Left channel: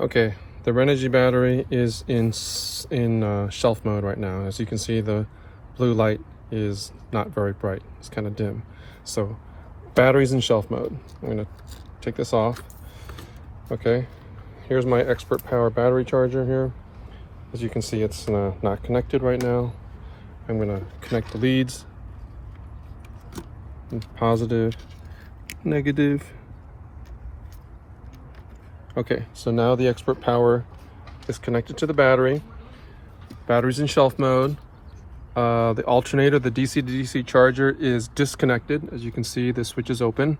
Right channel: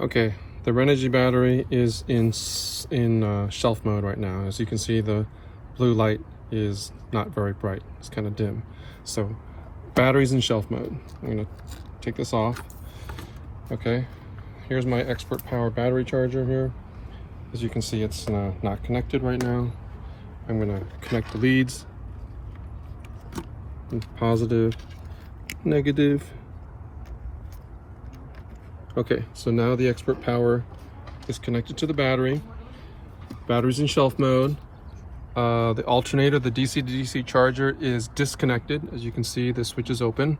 Okay, the Renogy battery is in shelf mode right now. As you can see, the blue light is not very bright. It's kind of dim. So battery's in shelf mode. I'm gonna take this off. Okay, here's my Expert Power battery charger here. As you can see, it's not connected right now. I'm gonna connect the leads. Positive, negative. Okay, so now the Expert Power is connected to the battery. Battery's in shelf mode. The alternator, the DC to DC charger, is disconnected. As you can see, the switch is open.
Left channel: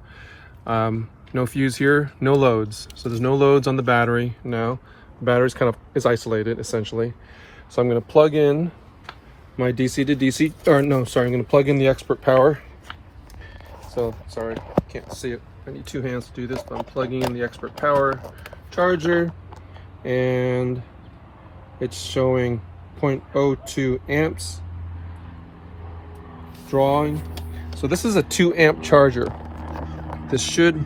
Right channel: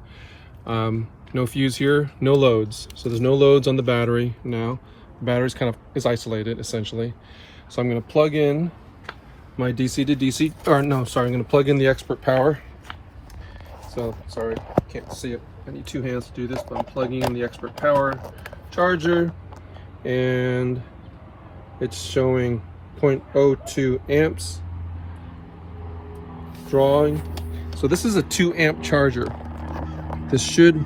No fuse here, no loads. So there's no loads on the battery now. The battery's kind of is isolated essentially. So I'm gonna plug in my DC to DC, or no, sorry, I'm gonna plug in the Expert Power. So, sorry, can't see it. I need two hands to do this, but I'm plugging in the Expert Power charger, and it's showing 0.02 amps drawing. So this is a 2 amp charger. This should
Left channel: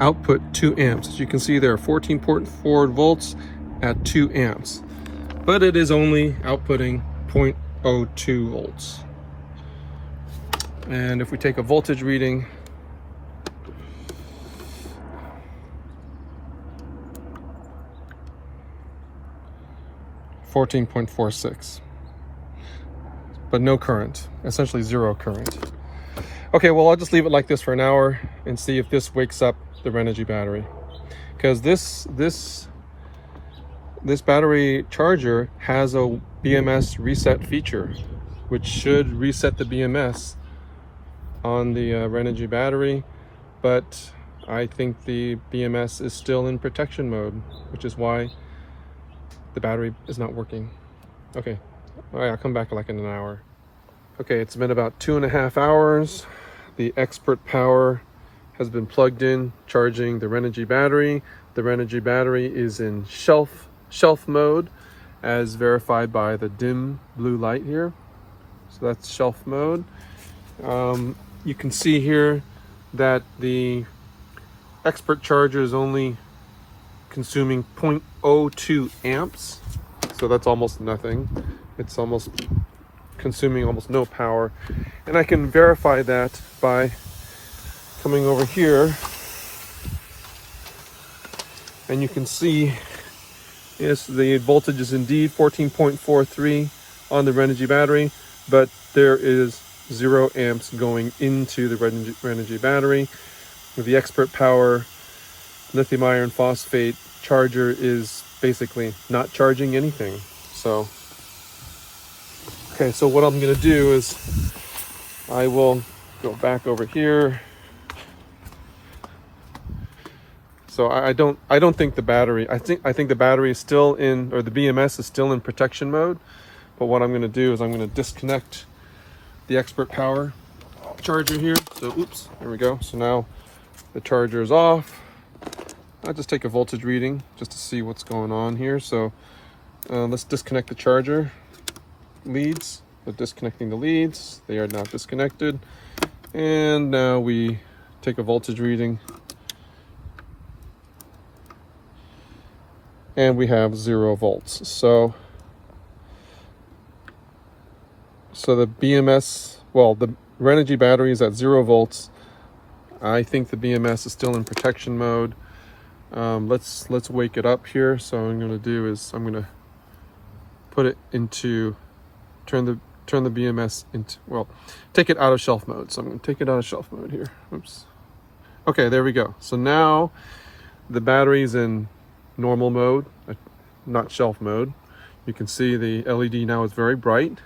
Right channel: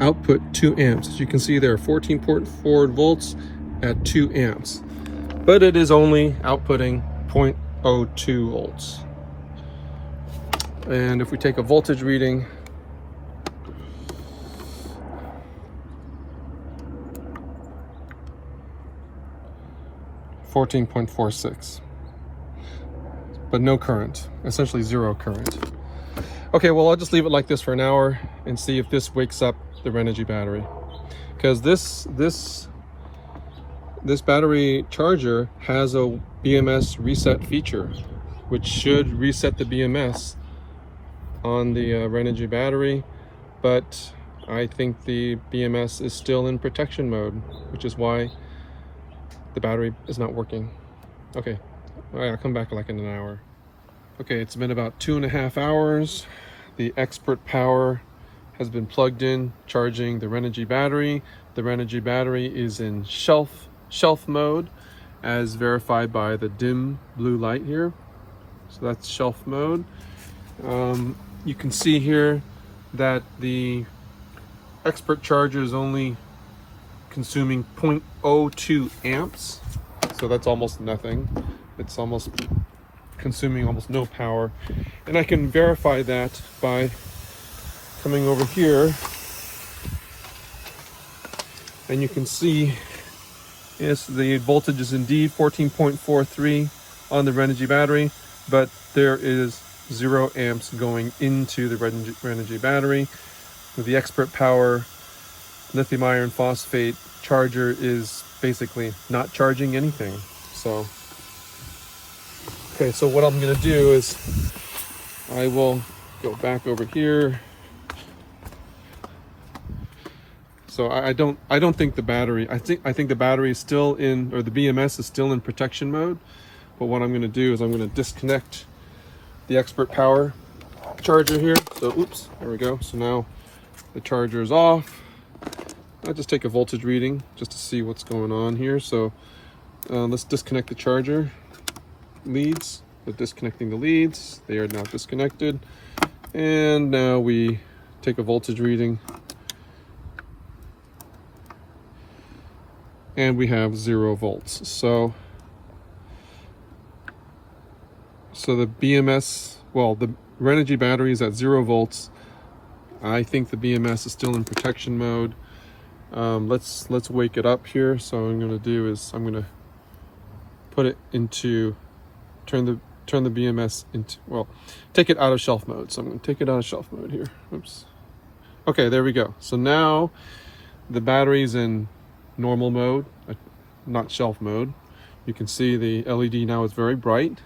output 2 amps. As you can see, there are 14.4 volts at 2 amps, but it is only outputting 0.02 volts. And if we take a voltage reading, (14.46), but no current, essentially zero current. Okay, well, I'll just leave it like this for an hour and see if this wakes up the Renogy battery, because this battery charger has a BMS reset feature, which should reset the BMS on the Renogy battery, but I think the BMS is still in protection mode, which is why the battery is not working. Okay, all right, I'll come back like in an hour. Okay, it's been about 2.5 hours. The Expert Power has been plugged in, charging the Renogy battery. The Renogy battery is in shelf mode, as verified by the dim blue light here. So that's shelf mode. You can see here that the Expert charger is only consuming 0.02 amps. So that's almost nothing. It's almost consuming almost no power. And I can verify that by coming over here. And you can see, yes, the voltage is indeed 14.43 on the Renogy battery, but there is 0 amps going into the Renogy battery. With the Expert Power lithium iron phosphate charger is basically not charging anything. So, okay, so what I'm gonna do is I will go back over here. So I don't think the battery, I think the battery is still in, or the BMS is still in protection mode. But what I'm gonna do is I'm gonna disconnect the Expert Power charger here. So, oops, there we go. So now the charger is off. I'll just take a voltage reading just to see what's going on here. So let's disconnect the charger leads. We're disconnecting the leads. They are now disconnected. And now we take a voltage reading. And we have 0 volts. So the BMS, well, the Renogy battery is at 0 volts. I think the BMS is still in protection mode. Let's wake it up here. So what I'm gonna do is I'm gonna put it into, turn the BMS into, well, take it out of shelf mode. So I'm gonna take it out of shelf mode here. Oops. Okay, there we go. So now the battery's in normal mode, not shelf mode. You can see the LED now is very bright.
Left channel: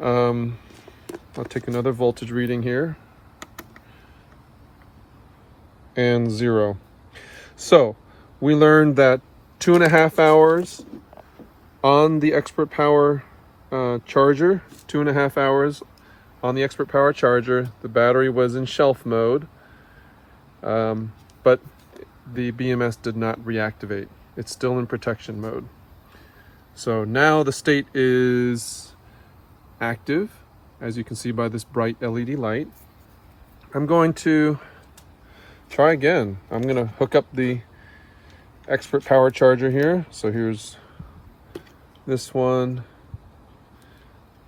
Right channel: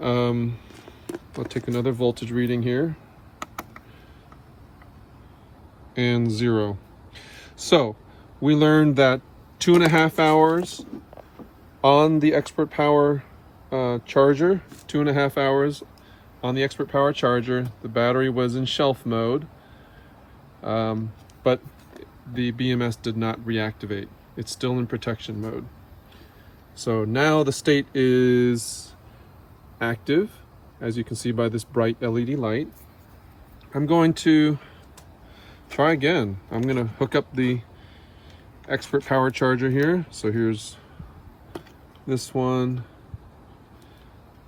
I'll take another voltage reading here, and 0. So we learned that 2.5 hours on the Expert Power charger, 2.5 hours on the Expert Power charger. The battery was in shelf mode, but the BMS did not reactivate. It's still in protection mode. So now the state is active, as you can see by this bright LED light. I'm going to try again. I'm going to hook up the expert power charger here. So here's this one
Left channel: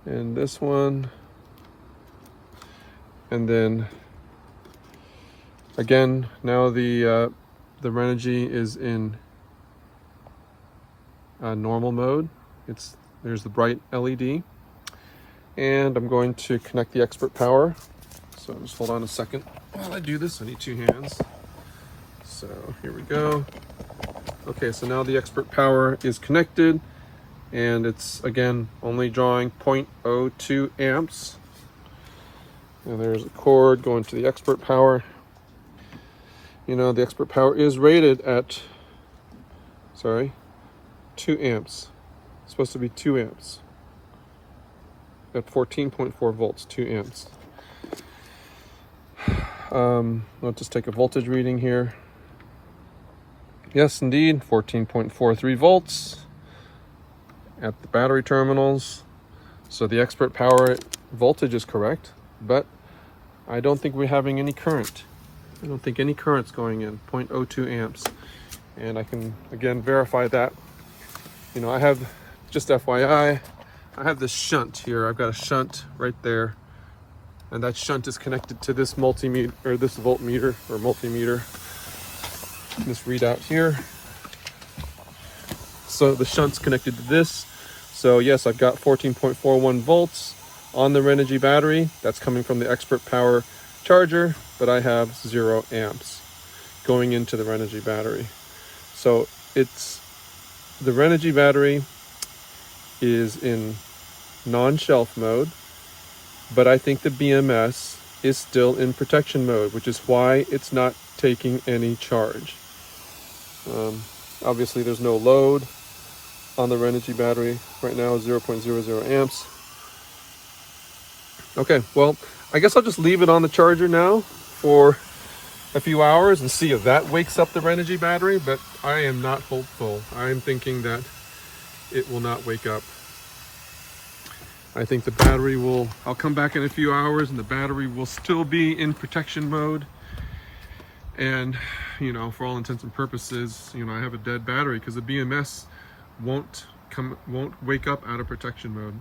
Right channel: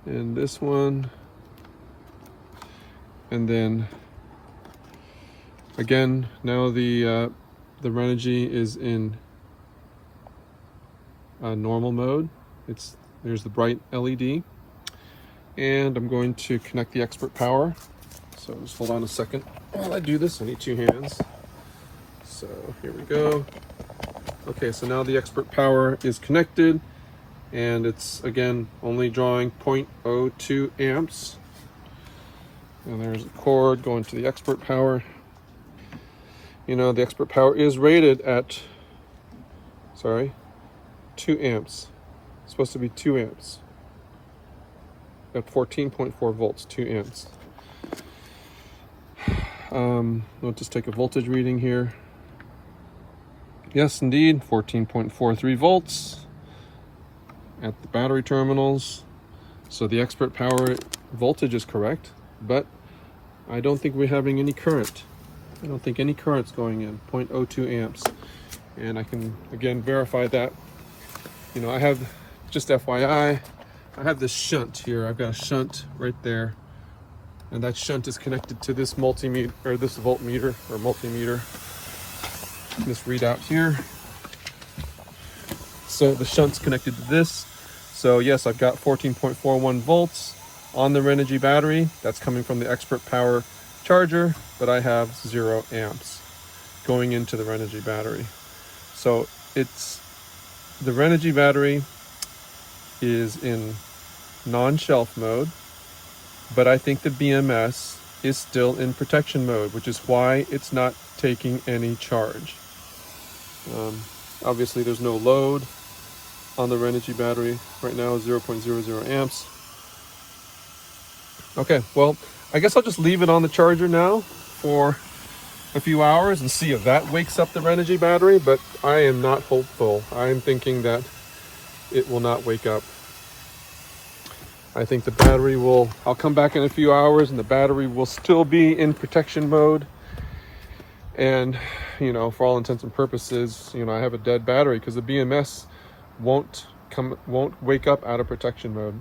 and this one, and then again, now the Renogy is in normal mode. There's the bright LED, and I'm going to connect the expert power. So just hold on a second while I do this. I need 2 hands. So here we go. Okay, so now the expert power is connected, and it's again only drawing 0.02 amps. And there's a cord going to the expert power. You know, the expert power is rated at, 2 amps. It's supposed to be 2 amps. At 14.4 volts, 2 amps. I'll just take a voltage reading here. Yes, indeed, 14.43 volts at the battery terminals. So the expert power voltage is correct, but I don't think we're having any current. I don't think any current's going in, 0.02 amps. And I can, again, verify that. You know, I have, just FYI, I have this shunt here. I've got a shunt right there. And that shunt is connected to this multimeter, or this voltmeter, or multimeter. This readout here. So the shunt's connected to this. So yes, I've got 14.41 volts on the Renogy battery. That's coming from the expert power charger, but I have 0 amps going into the Renogy battery. So it's, the Renogy battery is in non-shelf mode, but I think the BMS is still in protection mode, which is why it's not taking any charge. Obviously there's no load on the Renogy battery right now, 0.00 amps. Okay, well, I guess I'll just leave it on the charger now for a few hours and see if that wakes up the Renogy battery, but I am not hopeful. I am thinking that it will not wake up. I think the battery will, I'll come back in a few hours and the battery will still be in protection mode. And, you know, for all intents and purposes, you know, I have a dead battery because the BMS won't wake up out of protection mode.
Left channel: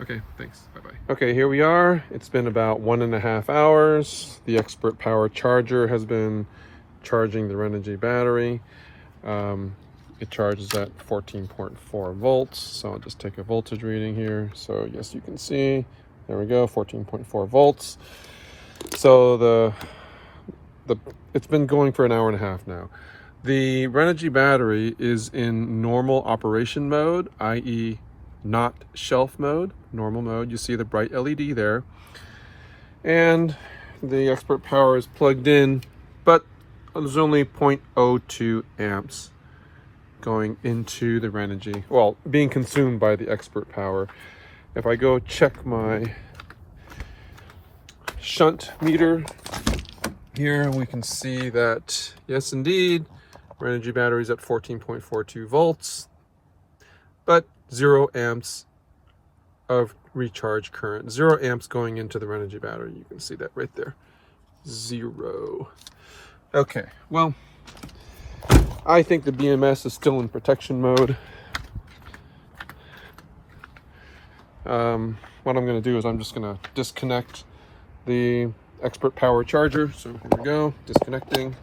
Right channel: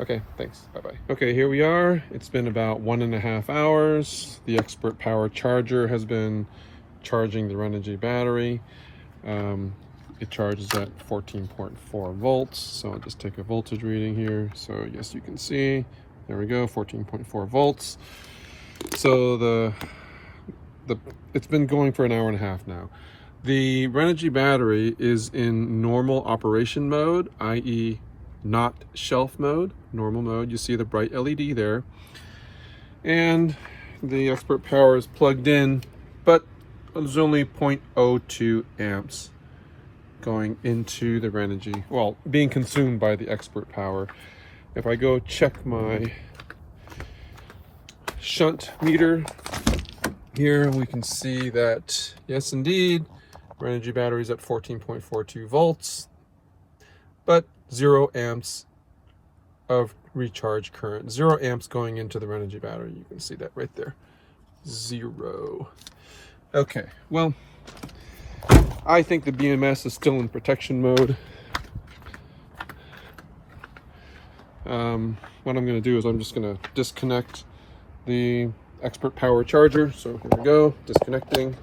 Okay, thanks, bye-bye. Okay, here we are. It's been about 1.5 hours. The expert power charger has been charging the Renogy battery. It charges at 14.4 volts. So I'll just take a voltage reading here. So yes, you can see, there we go, 14.4 volts. So it's been going for 1.5 hours now. The Renogy battery is in normal operation mode, i.e. not shelf mode, normal mode. You see the bright LED there. And the expert power is plugged in, but there's only 0.02 amps going into the Renogy, well, being consumed by the expert power. If I go check my shunt meter here, we can see that, yes, indeed, Renogy battery is at 14.42 volts, but 0 amps of recharge current. 0 amps going into the Renogy battery. You can see that right there. 0. Okay, well, I think the BMS is still in protection mode. What I'm going to do is I'm just going to disconnect the expert power charger. So here we go, disconnecting.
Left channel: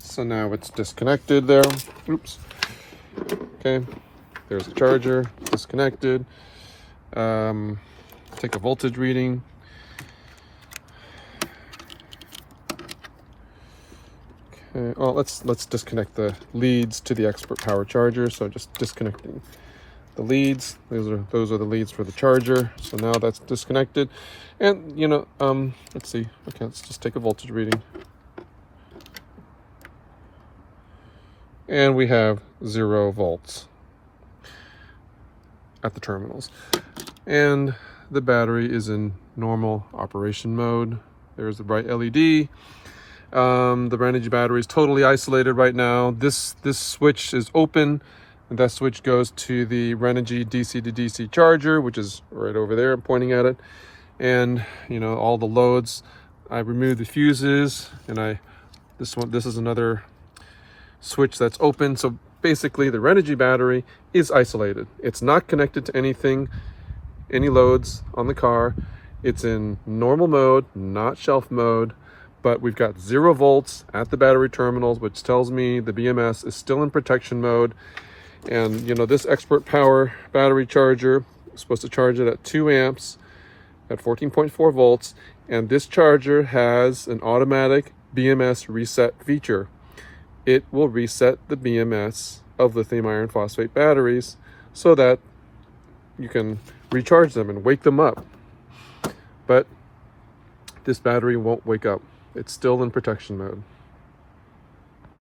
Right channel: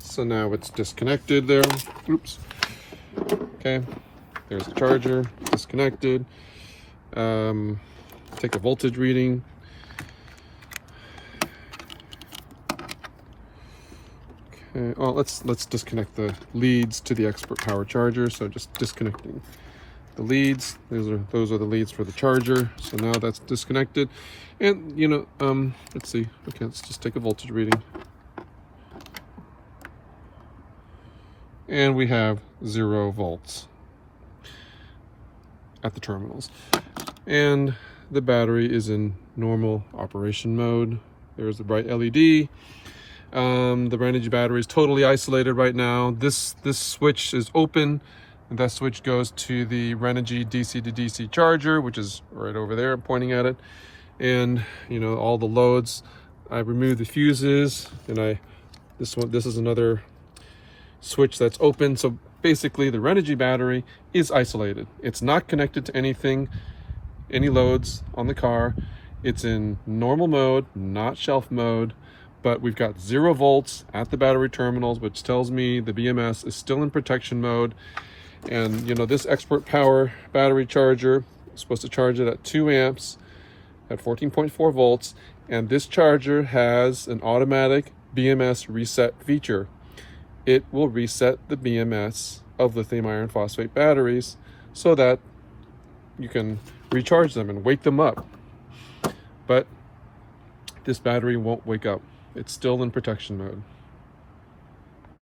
So now it's disconnected there. Oops. Okay, there's the charger, disconnected. Take a voltage reading. Okay, well, let's disconnect the leads to the expert power charger. So just disconnecting the leads. Those are the leads for the charger. So now that's disconnected. And you know, let's see. Okay, let's just take a voltage reading. And we have 0 volts at the terminals. And the battery is in normal operation mode. There's the bright LED. The Renogy battery is totally isolated right now. This switch is open, and that switch goes to the Renogy DC to DC charger, which is right over there. I'm pointing at it. And you know, all the loads, I removed the fuses, and this is another switch that's open. So basically the Renogy battery is isolated. It's not connected to anything, any loads on the car. It's in normal mode, not shelf mode, but we've got 0 volts at the battery terminals, which tells me the BMS is still in protection mode. And you know, this Expert Power battery charger is supposed to charge it at 2 amps at 14.4 volts. And this charger has an automatic BMS reset feature. It will reset the BMS of lithium iron phosphate batteries so that you can recharge them and wake them up. But this battery won't wake up. It's still in protection mode.